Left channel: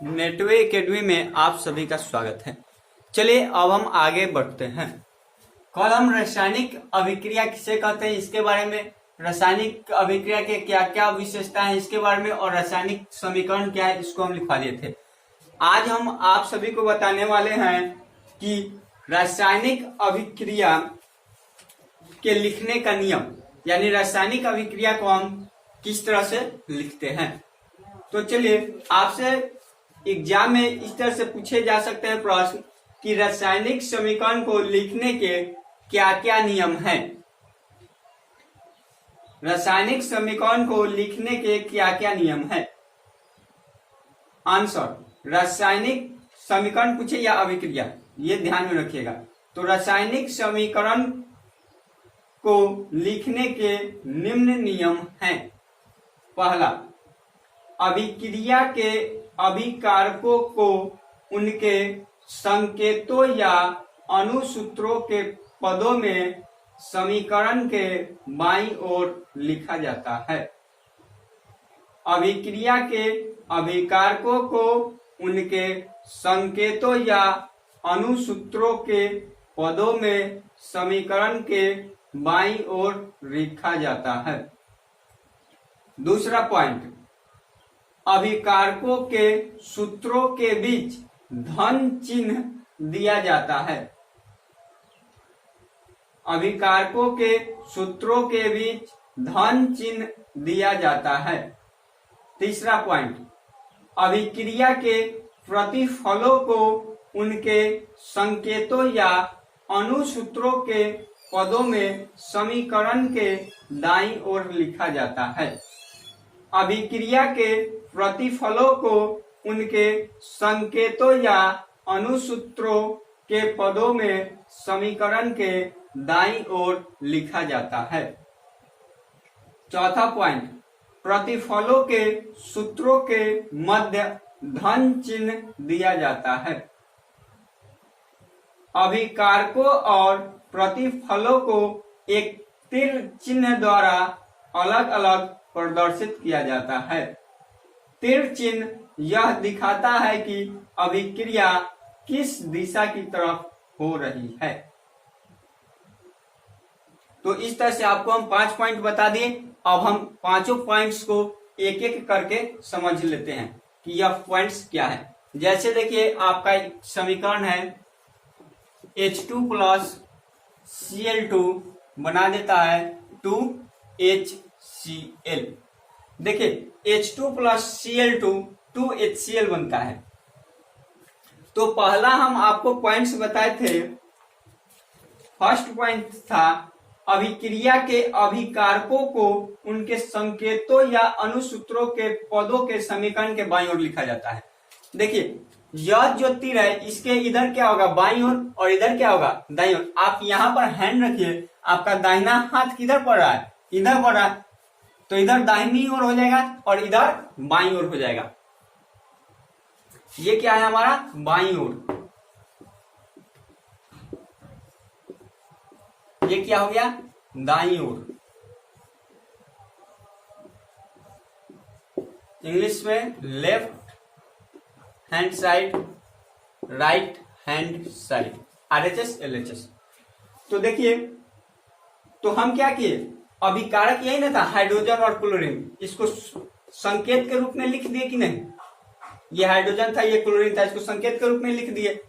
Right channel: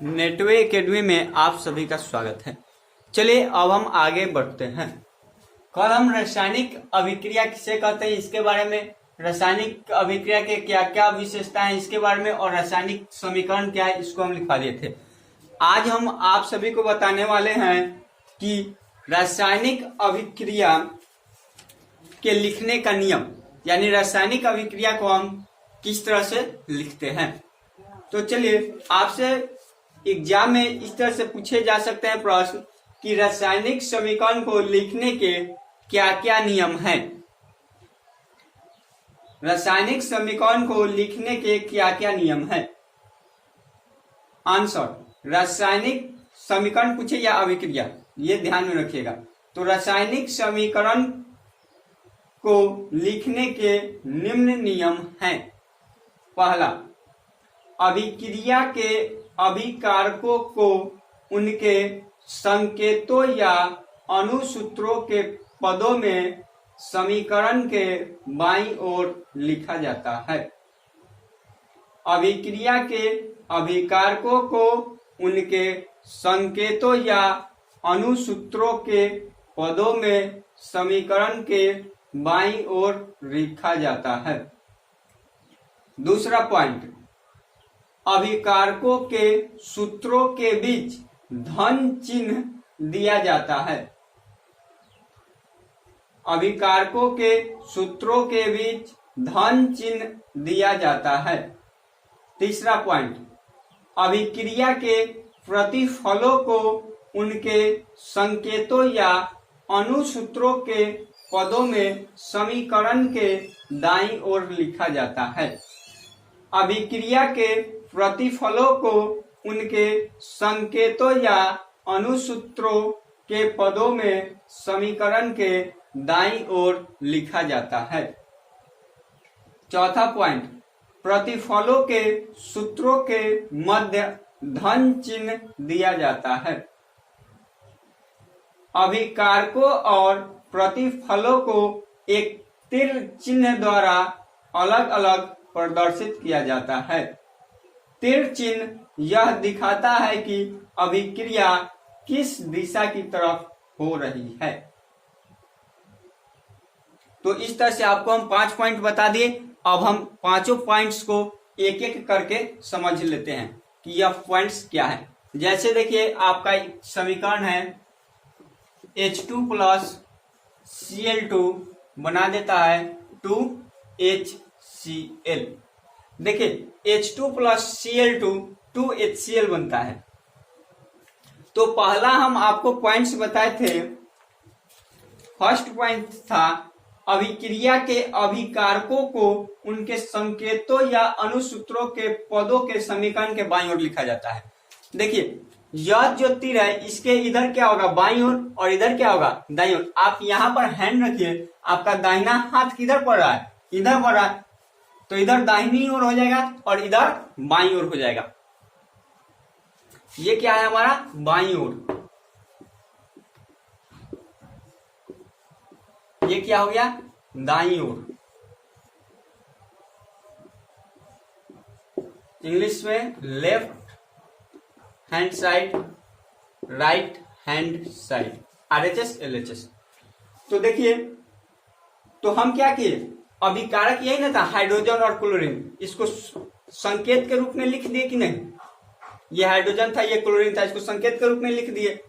Netway academy में आप सभी का स्वागत है। चलिए अब हम आगे बढ़ते हैं। कल हम रासायनिक अभिक्रिया किसे कहते हैं इसके बारे में, रासायनिक अभिक्रिया के क्या क्या विशेषता है इसके बारे में और रासायनिक समीकरण क्या है इसको हम लिखवा दिए थे। आज हम आप सभी को बताने वाले हैं कि रासायनिक अभिक्रिया के लिखने का नियम, यानी रासायनिक अभिक्रिया को हम किस तरह से लिखते हैं। तो चलिए, आपसे एग्जाम में इस तरह से पूछे जा सकते हैं प्रश्न कि रासायनिक समीकरण को लिखने के क्या क्या नियम हैं। रासायनिक समीकरण को लिखने के क्या क्या नियम हैं। आंसर, रासायनिक समीकरण पूछे या अभिक्रिया, ये ध्यान में रखिएगा। तो रासायनिक समीकरण को लिखने के निम्न नियम हैं। पहला, अभिक्रिया के अभिकारकों को उनके संकेतों या अनुसूत्रों के पदों में समीकरण के बाईं ओर लिखा जाता है। अभिक्रिया के अभिकारकों को उनके संकेतों या अनुसूत्रों के पदों में समीकरण के बाईं ओर लिखा जाता है। दूसरा पॉइंट, अभिकारकों के सूत्रों के बीच धन चिन्ह दिया जाता है। अभिकारकों के सूत्रों के बीच धन चिन्ह दिया जाता है। तीसरा पॉइंट, अभिक्रिया के प्रतिफलों को उनके संकेतों या अनुसूत्रों के पदों में समीकरण के दाईं ओर लिखा जाता है। अभिक्रिया के प्रतिफलों को उनके संकेतों या अनुसूत्रों के पदों में समीकरण के दाईं ओर लिखा जाता है। चौथा पॉइंट, प्रतिफलों के सूत्रों के मध्य धन चिन्ह दिया जाता है। अभिकारकों और प्रतिफलों को एक तीर चिन्ह द्वारा अलग अलग प्रदर्शित किया जाता है। तीर चिन्ह यह दिखाता है कि अभिक्रिया किस दिशा की तरफ हो रही है। तो इस तरह से आपको हम 5 पॉइंट बता दिए। अब हम पांचों पॉइंट्स को एक एक करके समझ लेते हैं कि यह पॉइंट्स क्या है। जैसे देखिए, आपका समीकरण है H2 प्लस Cl2 बना देता है 2HCl। देखिए, H2 प्लस Cl2 2HCl बनता है। तो पहला हम आपको पॉइंट्स बताए थे। फर्स्ट पॉइंट था, अभिक्रिया के अभिकारकों को उनके संकेतों या अनुसूत्रों के पदों के समीकरण के बाईं ओर लिखा जाता है। देखिए, यह जो तीर है इसके इधर क्या होगा, बाईं ओर, और इधर क्या होगा, दाईं ओर। आप यहाँ पर हैंड रखिए, आपका दाहिना हाथ किधर पड़ रहा है, इधर पड़ रहा है, तो इधर दाहिनी ओर हो जाएगा और इधर बाईं ओर हो जाएगा। ये क्या है हमारा, बाईं ओर। ये क्या हो गया, दाईं ओर। इंग्लिश में left hand side, right hand side, RHS LHS। तो देखिए, तो हम क्या किए, अभिकारक यही ना था, हाइड्रोजन और क्लोरीन, इसको संकेत के रूप में लिख दिए कि नहीं। ये हाइड्रोजन था, ये क्लोरीन था, इसको संकेत के रूप में लिख दिए।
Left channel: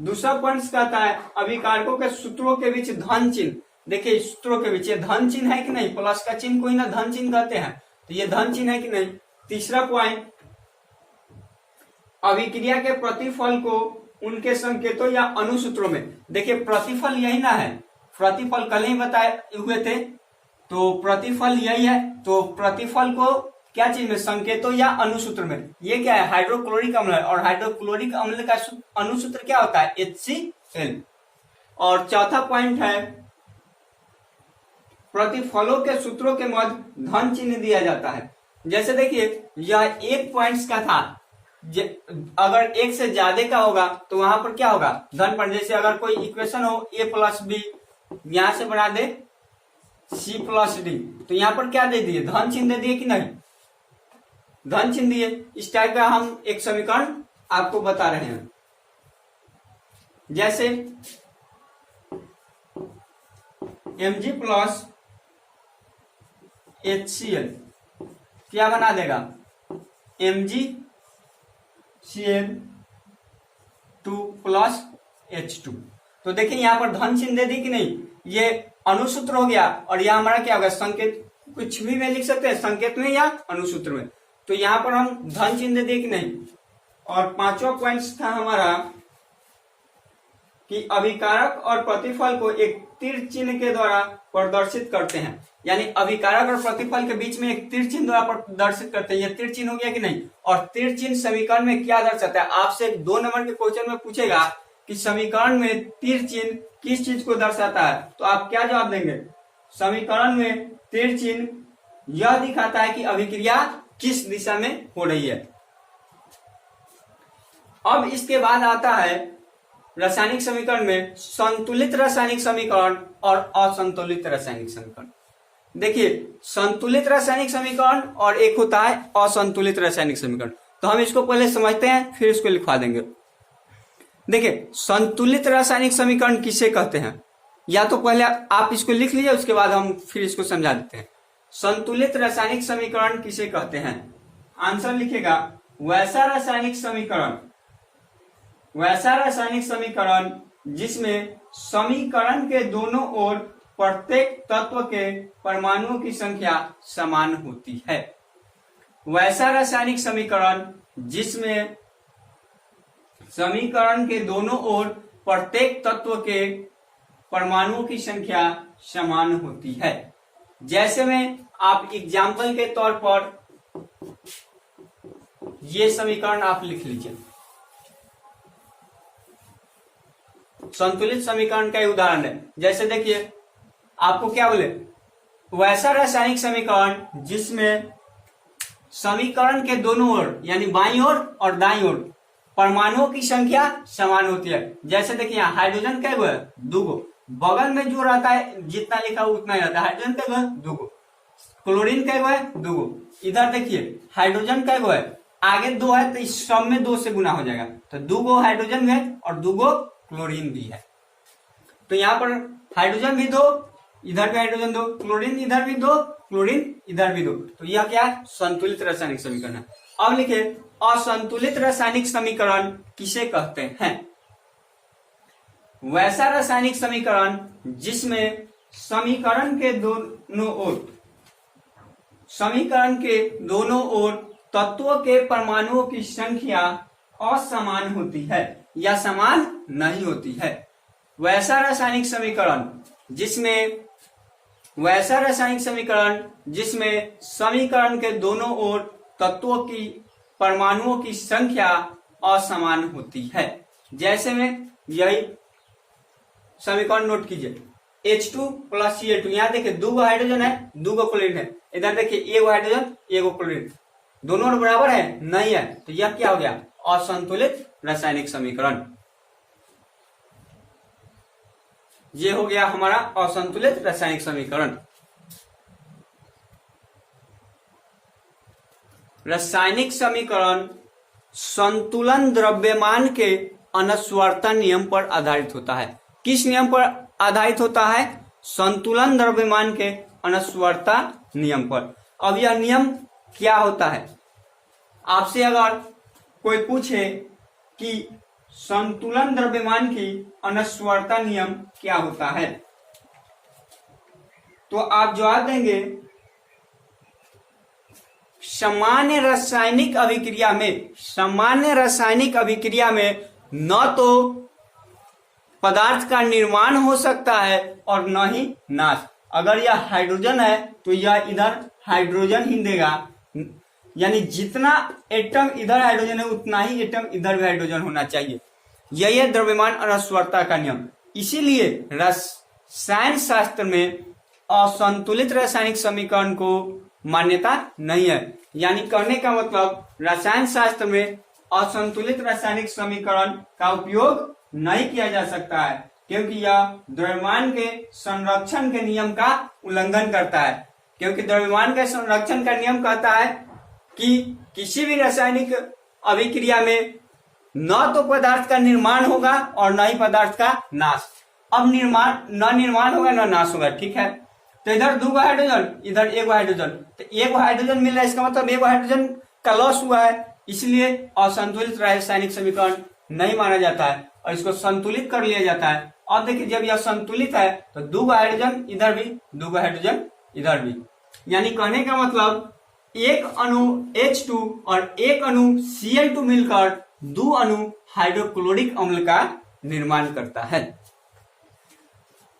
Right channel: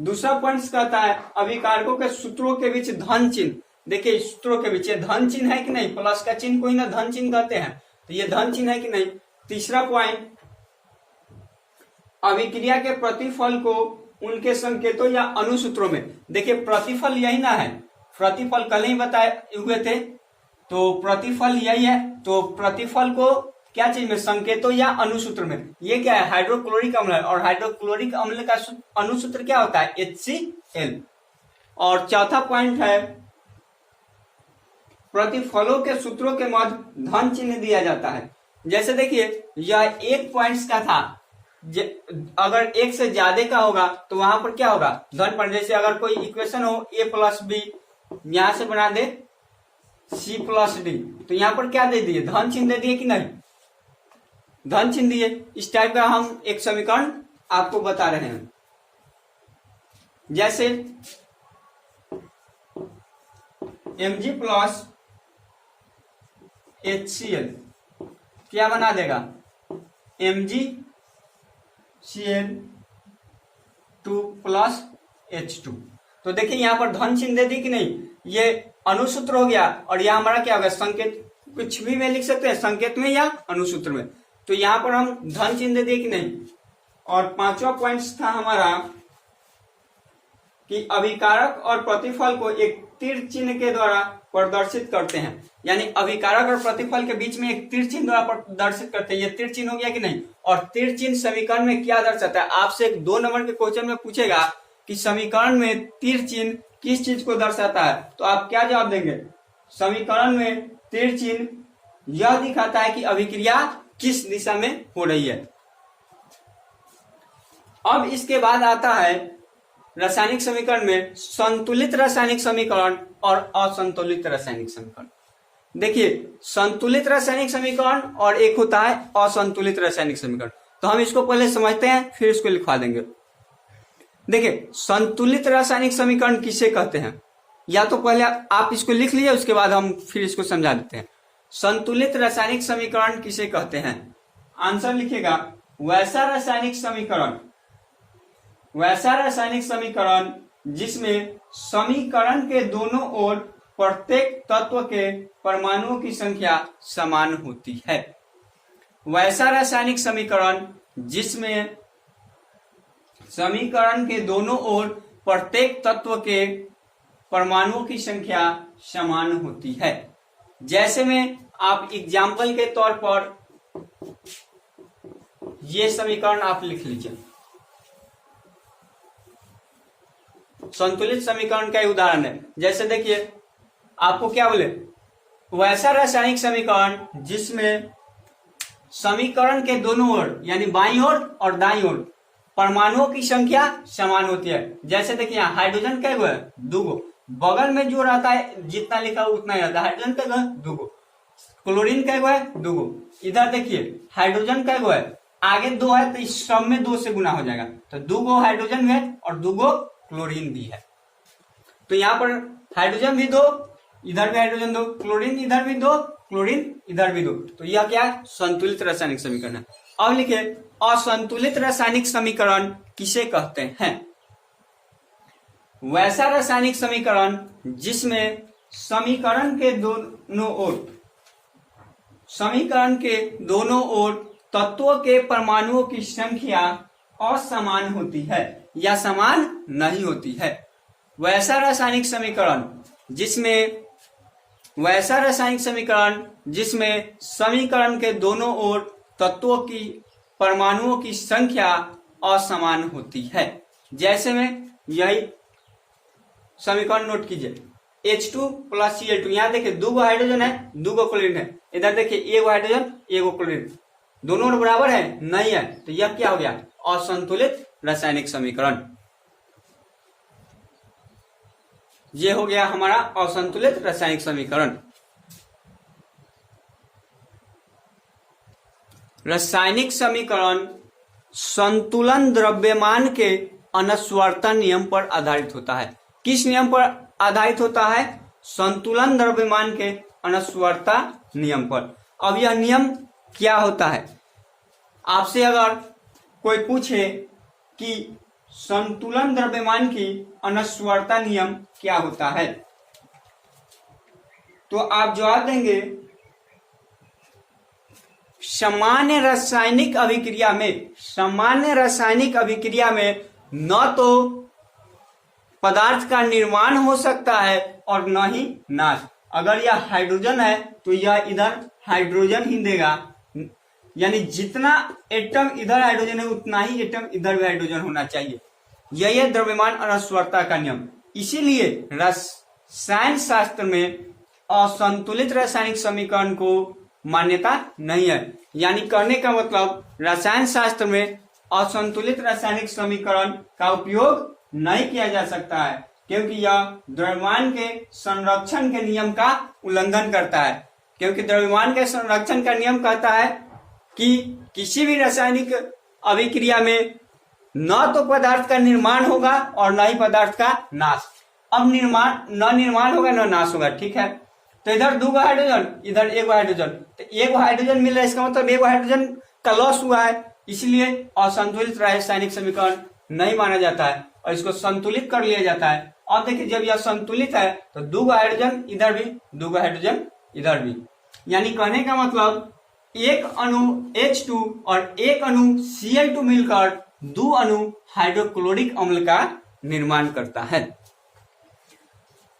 दूसरा पॉइंट कहता है, अभिकारकों के सूत्रों के बीच धन चिन्ह। देखिए, सूत्रों के बीच धन चिन्ह है कि नहीं, प्लस का चिन्ह को ही ना धन चिन्ह कहते हैं, तो ये धन चिन्ह है कि नहीं। तीसरा पॉइंट, अभिक्रिया के प्रतिफल को उनके संकेतों या अनुसूत्रों में। देखिए, प्रतिफल यही ना है, प्रतिफल कल ही बताए हुए थे, तो प्रतिफल यही है। तो प्रतिफल को क्या चाहिए, संकेतों या अनुसूत्र में। ये क्या है, हाइड्रोक्लोरिक अम्ल है, और हाइड्रोक्लोरिक अम्ल का अनुसूत्र क्या होता है, HCl। और चौथा पॉइंट है, प्रतिफलों के सूत्रों के मध्य धन चिन्ह दिया जाता है। जैसे देखिए, यह एक पॉइंट्स का था, अगर एक से ज्यादा का होगा तो वहां पर क्या होगा, धन पर। जैसे अगर कोई इक्वेशन हो A प्लस B, यहां से बना दे C प्लस D, तो यहां पर क्या दे दिए, धन चिन्ह दे दिए कि नहीं। धन चिन्ह दिए। इस टाइप का हम एक समीकरण आपको बता रहे हैं। जैसे Mg प्लस HCl क्या बना देगा, MgCl2 प्लस H2। तो देखिए यहां पर धन चिन्ह दे दी कि नहीं, ये अनुसूत्र हो गया और यह हमारा क्या होगा, संकेत, कुछ भी में लिख सकते हैं, संकेत में या अनुसूत्र में। तो यहां पर हम धन चिन्ह दे दिए कि नहीं। और पांचवा पॉइंट था हमारा कि अभिकारक और प्रतिफल को एक तीर चिन्ह के द्वारा प्रदर्शित करते हैं। यानी अभिकारक और प्रतिफल के बीच में एक तीर चिन्ह द्वारा प्रदर्शित करते हैं। ये तीर चिन्ह हो गया कि नहीं। और तीर चिन्ह समीकरण में क्या दर्शाता है, आपसे 2 नंबर के क्वेश्चन में पूछेगा कि समीकरण में तीर चिन्ह किस चीज को दर्शाता है, तो आप क्या जवाब देंगे, समीकरण में तीर चिन्ह यह दिखाता है कि अभिक्रिया किस दिशा में हो रही है। अब इसके बाद आता है रासायनिक समीकरण में संतुलित रासायनिक समीकरण और असंतुलित रासायनिक समीकरण। देखिए संतुलित रासायनिक समीकरण और एक होता है असंतुलित रासायनिक समीकरण। तो हम इसको पहले समझते हैं फिर इसको लिखवा देंगे। देखिए संतुलित रासायनिक समीकरण किसे कहते हैं, या तो पहले आप इसको लिख लीजिए, उसके बाद हम फिर इसको समझा देते हैं। संतुलित रासायनिक समीकरण किसे कहते हैं, आंसर लिखेगा वैसा रासायनिक समीकरण जिसमें समीकरण के दोनों ओर प्रत्येक तत्व के परमाणुओं की संख्या समान होती है। वैसा रासायनिक समीकरण जिसमें समीकरण के दोनों ओर प्रत्येक तत्व के परमाणुओं की संख्या समान होती है। जैसे में आप एग्जाम्पल के तौर पर ये समीकरण आप लिख लीजिए। संतुलित समीकरण का उदाहरण है। जैसे देखिए आपको क्या बोले, वैसा रासायनिक समीकरण जिसमें समीकरण के दोनों ओर यानी बाईं ओर और दाईं ओर परमाणुओं की संख्या समान होती है। जैसे देखिए यहाँ हाइड्रोजन क्या है, 2 बगल में जो रहता है जितना लिखा उतना ही रहता है। हाइड्रोजन क्या है, 2। क्लोरीन क्या है, 2। इधर देखिए हाइड्रोजन क्या है, आगे 2 है तो इस सब में 2 से गुना हो जाएगा। तो 2 हाइड्रोजन है और 2 क्लोरीन भी है। तो यहाँ पर हाइड्रोजन भी 2, इधर भी हाइड्रोजन 2, क्लोरीन इधर भी 2, क्लोरीन इधर भी 2। तो यह क्या है, संतुलित रासायनिक समीकरण है। अब लिखे असंतुलित रासायनिक समीकरण किसे कहते हैं। वैसा रासायनिक समीकरण जिसमें समीकरण के दोनों ओर तत्वों के परमाणुओं की संख्या असमान होती है या समान नहीं होती है। वैसा रासायनिक समीकरण जिसमें समीकरण के दोनों ओर तत्वों की परमाणुओं की संख्या असमान होती है। जैसे में यही समीकरण नोट कीजिए, H2 प्लस Cl2। यहाँ देखिए 2 हाइड्रोजन है, 2 क्लोरीन है। इधर देखिए 1 हाइड्रोजन 1 क्लोरीन, दोनों बराबर है, नहीं है। तो यह क्या हो गया, असंतुलित रासायनिक समीकरण। ये हो गया हमारा असंतुलित रासायनिक समीकरण। रासायनिक समीकरण संतुलन द्रव्यमान के अनस्वरता नियम पर आधारित होता है। किस नियम पर आधारित होता है, संतुलन द्रव्यमान के अनस्वरता नियम पर। अब यह नियम क्या होता है, आपसे अगर कोई पूछे कि संतुलन द्रव्यमान की अनस्वरता नियम क्या होता है, तो आप जवाब देंगे सामान्य रासायनिक अभिक्रिया में न तो पदार्थ का निर्माण हो सकता है और न ही नाश। अगर यह हाइड्रोजन है तो यह इधर हाइड्रोजन ही देगा, यानी जितना एटम इधर हाइड्रोजन है उतना ही एटम इधर भी हाइड्रोजन होना चाहिए। यही है द्रव्यमान अनस्वरता का नियम। इसीलिए रसायन शास्त्र में असंतुलित रासायनिक समीकरण को मान्यता नहीं है। यानी कहने का मतलब रसायन शास्त्र में असंतुलित रासायनिक समीकरण का उपयोग नहीं किया जा सकता है, क्योंकि यह द्रव्यमान के संरक्षण के नियम का उल्लंघन करता है। क्योंकि द्रव्यमान के संरक्षण का नियम कहता है कि किसी भी रासायनिक अभिक्रिया में न तो पदार्थ का निर्माण होगा और न ही पदार्थ का नाश। अब निर्माण होगा न नाश होगा, ठीक है। तो इधर 2 हाइड्रोजन, इधर 1 हाइड्रोजन, तो 1 हाइड्रोजन मिल रहा है, इसका मतलब 1 हाइड्रोजन का लॉस हुआ है, इसलिए असंतुलित रासायनिक समीकरण नहीं माना जाता है और इसको संतुलित कर लिया जाता है। और देखिए जब यह संतुलित है तो 2 हाइड्रोजन इधर भी, 2 हाइड्रोजन इधर भी, यानी कहने का मतलब एक अणु H2 और एक अणु Cl2 मिलकर 2 अणु हाइड्रोक्लोरिक अम्ल का निर्माण करता है।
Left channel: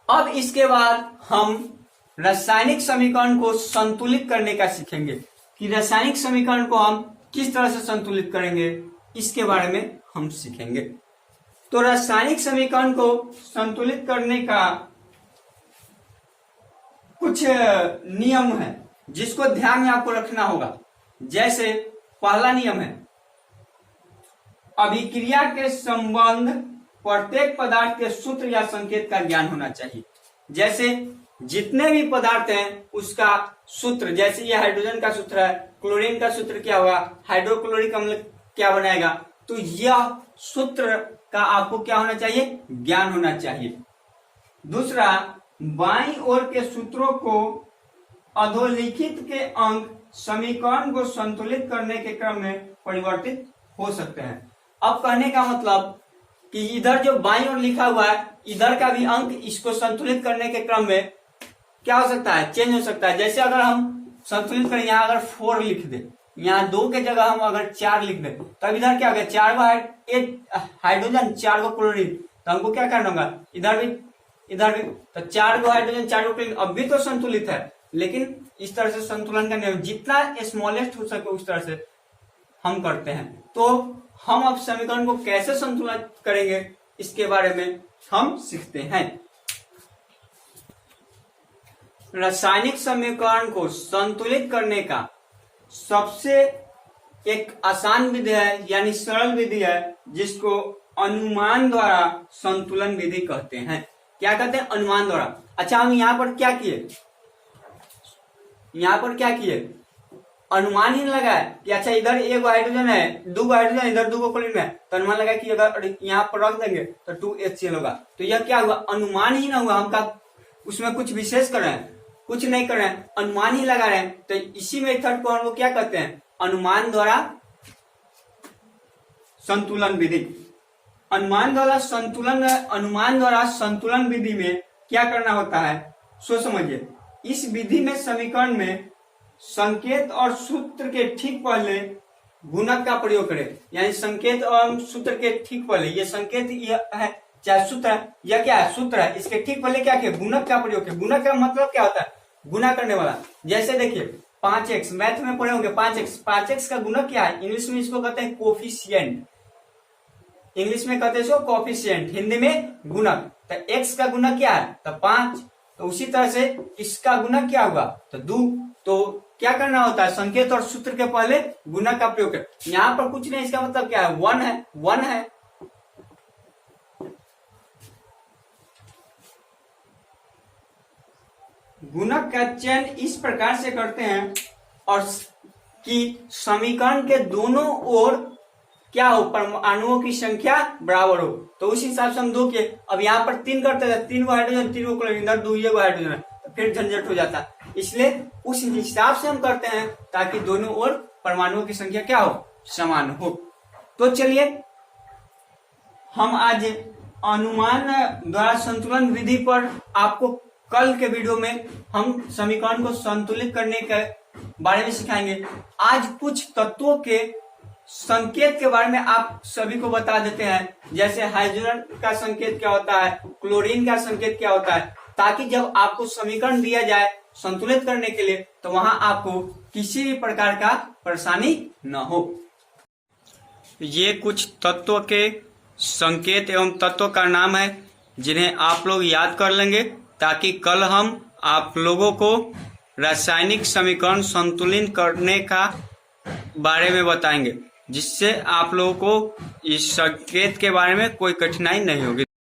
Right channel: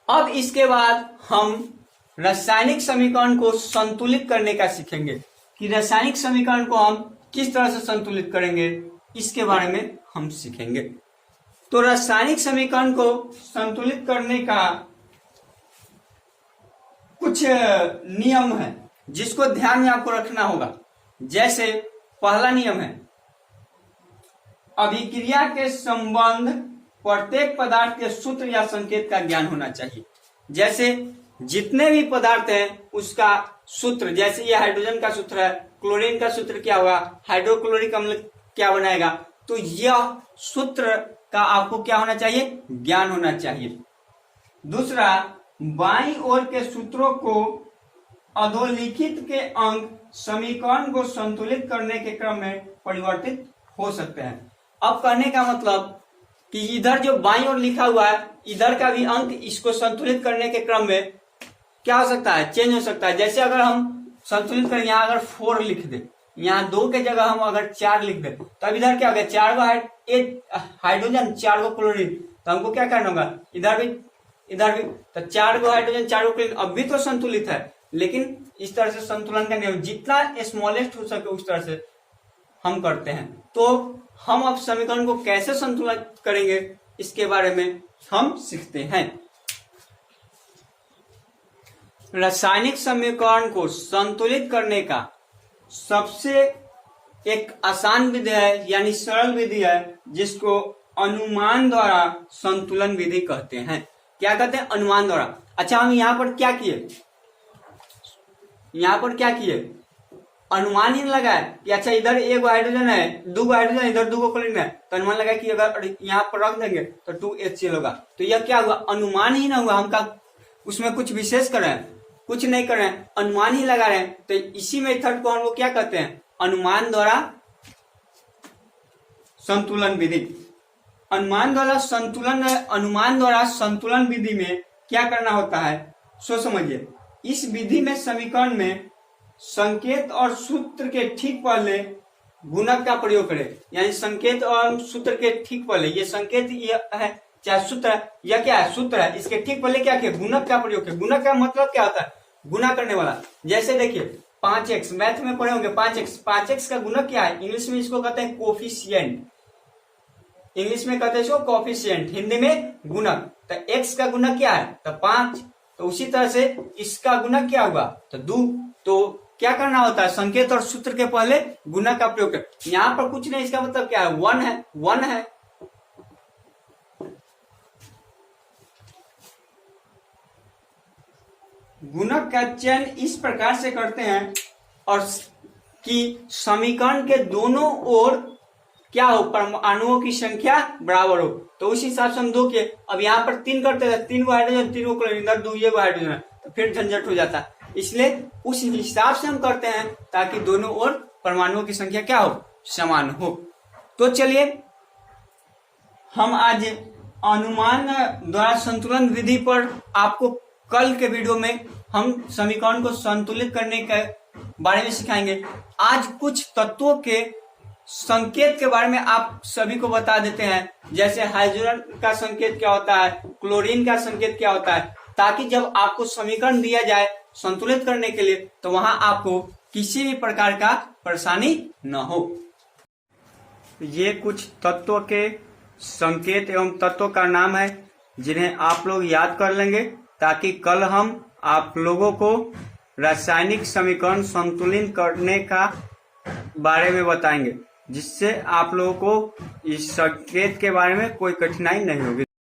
अब इसके बाद हम रासायनिक समीकरण को संतुलित करने का सीखेंगे कि रासायनिक समीकरण को हम किस तरह से संतुलित करेंगे, इसके बारे में हम सीखेंगे। तो रासायनिक समीकरण को संतुलित करने का कुछ नियम है जिसको ध्यान में आपको रखना होगा। जैसे पहला नियम है, अभिक्रिया के संबंध प्रत्येक पदार्थ के सूत्र या संकेत का ज्ञान होना चाहिए। जैसे जितने भी पदार्थ हैं उसका सूत्र, जैसे ये हाइड्रोजन का सूत्र है, क्लोरीन का सूत्र क्या होगा, हाइड्रोक्लोरिक अम्ल क्या बनाएगा, तो यह सूत्र का आपको क्या होना चाहिए, ज्ञान होना चाहिए। दूसरा, बाईं ओर के सूत्रों को अधोलिखित के अंक समीकरण को संतुलित करने के क्रम में परिवर्तित हो सकते हैं। अब कहने का मतलब कि इधर जो बाईं ओर लिखा हुआ है, इधर का भी अंक इसको संतुलित करने के क्रम में क्या हो सकता है, चेंज हो सकता है। जैसे अगर हम संतुलित करें, यहाँ अगर 4 लिख दे, यहाँ 2 के जगह हम अगर 4 लिख दे, तब इधर क्या होगा, 4 हाइड्रोजन 4 क्लोरीन, तो हमको क्या करना होगा, इधर भी तो 4 हाइड्रोजन 4 क्लोरीन, अब भी तो संतुलित है, लेकिन इस तरह से संतुलन का नियम जितना स्मॉलेस्ट हो सके उस तरह से हम करते हैं। तो हम अब समीकरण को कैसे संतुलित करेंगे इसके बारे में हम सीखते हैं। रासायनिक समीकरण को संतुलित करने का सबसे एक आसान विधि है, यानी सरल विधि है, जिसको अनुमान द्वारा संतुलन विधि कहते हैं। क्या कहते हैं, अनुमान द्वारा। अच्छा, हम यहाँ पर क्या किए, अनुमान ही लगाए कि अच्छा इधर 1 हाइड्रोजन है, 2 हाइड्रोजन, इधर 2 क्लोरीन है, तो अनुमान लगा कि अगर यहाँ पर रख देंगे तो 2HCl होगा। तो यह क्या हुआ, अनुमान ही ना हुआ, हम का उसमें कुछ विशेष कर रहे हैं, कुछ नहीं कर रहे हैं, अनुमान ही लगा रहे हैं। तो इसी मेथड को हम लोग क्या कहते हैं, अनुमान द्वारा संतुलन विधि। अनुमान द्वारा संतुलन विधि में क्या करना होता है, सो समझिए। इस विधि में समीकरण में संकेत और सूत्र के ठीक पहले गुणक का प्रयोग करें, यानी संकेत और सूत्र के ठीक पहले, ये संकेत यह है चाहे सूत्र है, यह क्या है, सूत्र है, इसके ठीक पहले क्या किया, गुणक का प्रयोग किया। गुणक का मतलब क्या होता है, गुना करने वाला। जैसे देखिए 5x, मैथ में पढ़े होंगे 5x का गुणक क्या है, इंग्लिश में इसको कहते हैं कोफिशिएंट, इंग्लिश में कहते हैं इसको कोफिशिएंट, हिंदी में गुणक। तो x का गुणक क्या है, तो 5, तो उसी तरह से इसका गुणक क्या होगा, तो 2। तो क्या करना होता है, संकेत और सूत्र के पहले गुणक का प्रयोग करें। यहाँ पर कुछ नहीं, इसका मतलब क्या है, 1 है। गुणक का चयन इस प्रकार से करते हैं और कि समीकरण के दोनों ओर क्या हो, परमाणुओं की संख्या बराबर हो। तो उस हिसाब से हम 2 किए। अब यहाँ पर 3 करते हैं, 3 हाइड्रोजन 3 क्लोरीन, 2 हाइड्रोजन, तो फिर झंझट हो जाता है। इसलिए उस हिसाब से हम करते हैं ताकि दोनों ओर परमाणुओं की संख्या क्या हो, समान हो। तो चलिए हम आज अनुमान द्वारा संतुलन विधि पर आपको कल के वीडियो में हम समीकरण को संतुलित करने के बारे में सिखाएंगे। आज कुछ तत्वों के संकेत के बारे में आप सभी को बता देते हैं, जैसे हाइड्रोजन का संकेत क्या होता है, क्लोरीन का संकेत क्या होता है, ताकि जब आपको समीकरण दिया जाए संतुलित करने के लिए तो वहां आपको किसी भी प्रकार का परेशानी न हो। ये कुछ तत्वों के संकेत एवं तत्वों का नाम है जिन्हें आप लोग याद कर लेंगे, ताकि कल हम आप लोगों को रासायनिक समीकरण संतुलित करने का बारे में बताएंगे, जिससे आप लोगों को इस संकेत के बारे में कोई कठिनाई नहीं होगी।